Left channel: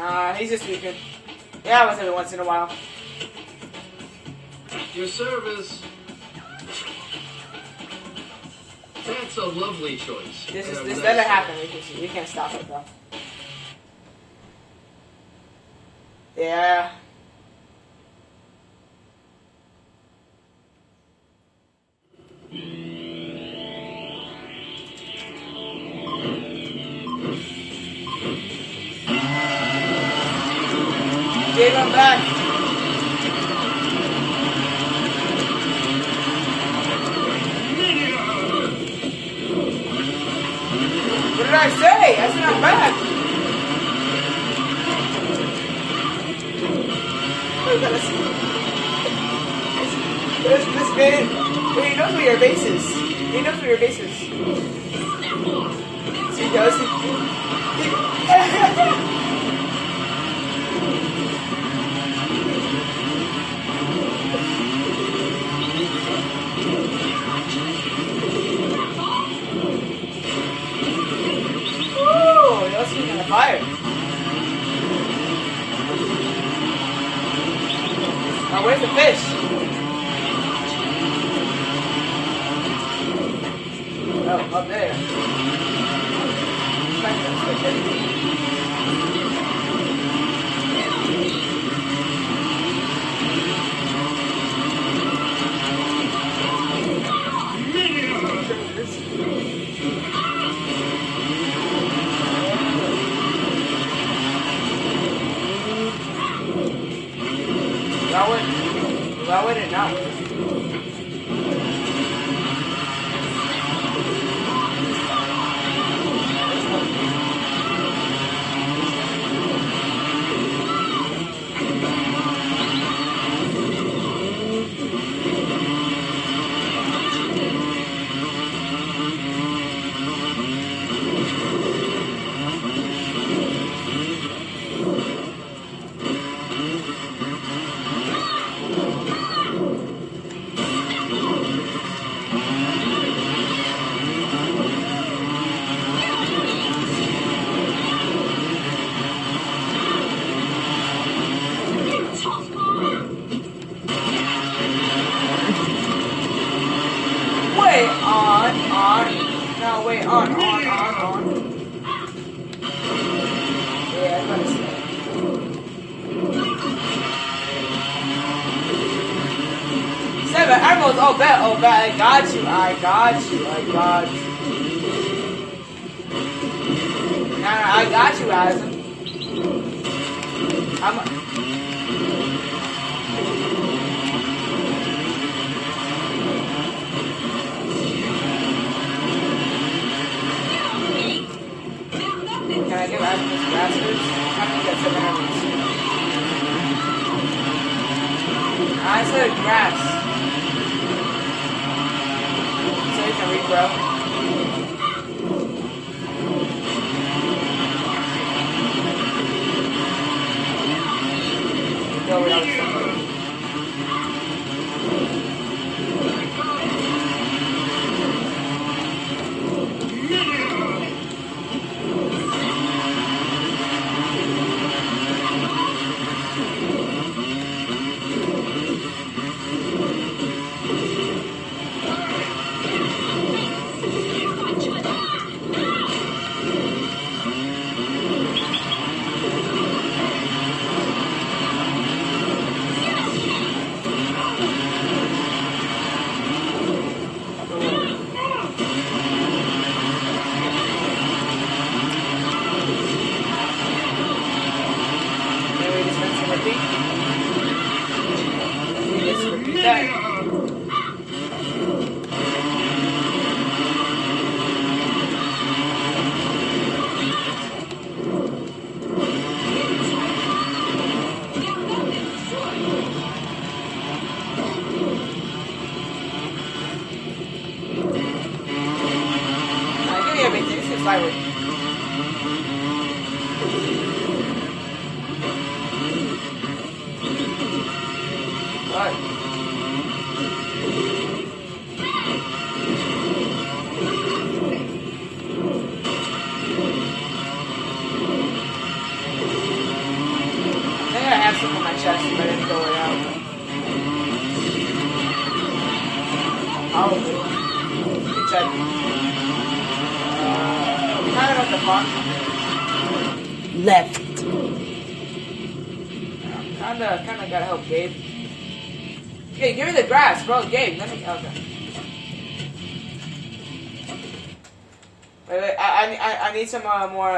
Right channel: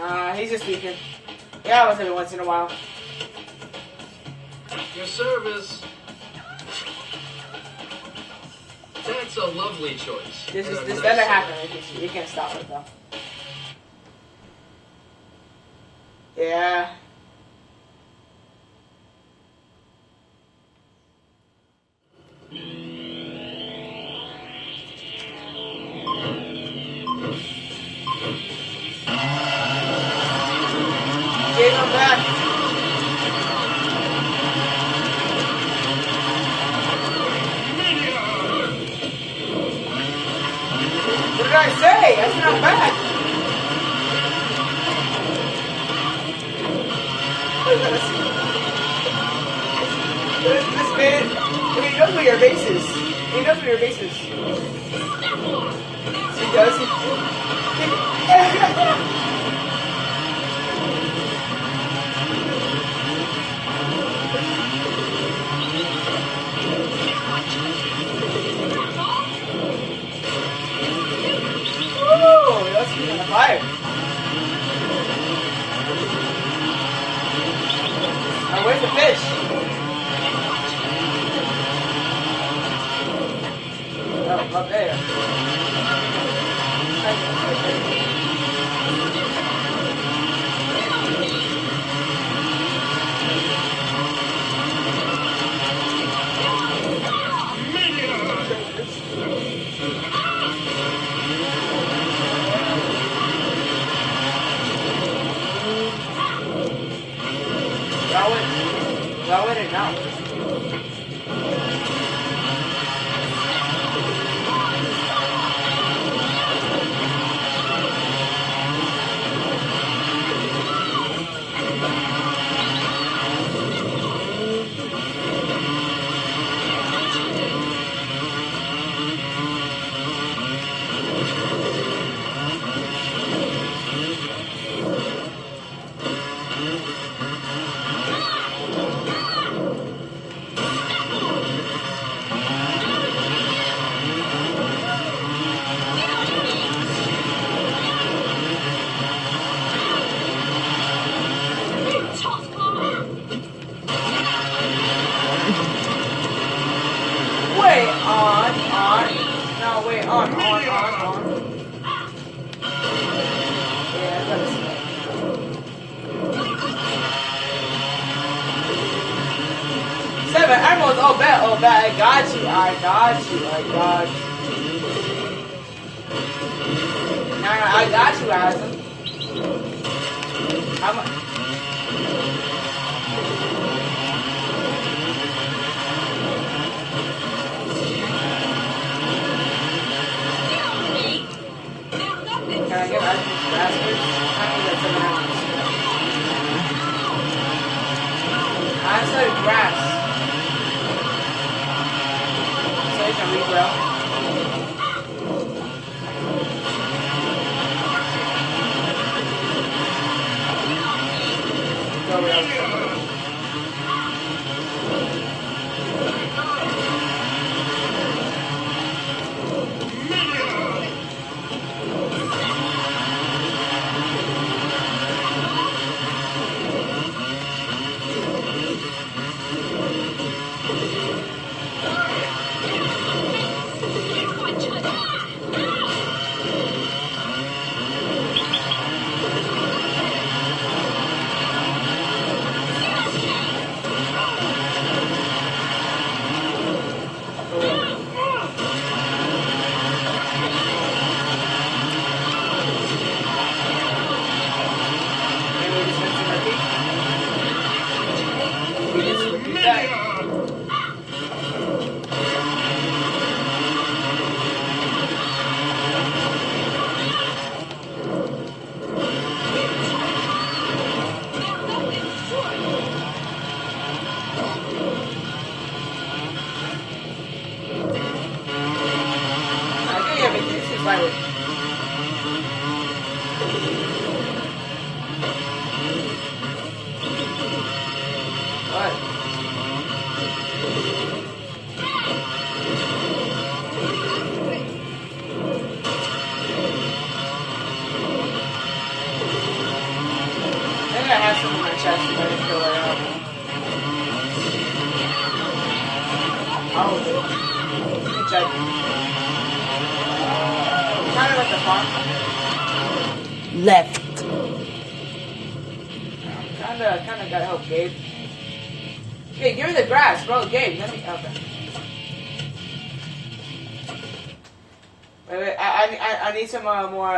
Nah, he's just sleeping. Yeah, I was every once in a while. Your service. That's a lovely choice. This never happened. We can't stop it, though. Yeah. Give him back. What did I say? I said I'm back. This man, he knows where your base is. He knows where your base is. So he does. Fire. Oh, where's the fish? Oh, up there. Why would it not? on. Yeah, that's it. Seven emeralds. Oh, bet. Oh, bet. I got you. I got you. Nah, I got you, Ryzen. Can I get Ryzen some bastards? I need that 7 emeralds. I said grass. So you can regrow. chest and then fill it out. Probably. Let me check. Kind of at the farm. Left. Kinda gotta help Gabe. Hey, give me the grass, bro. Gabe, let me. Okay. Wait, I need some more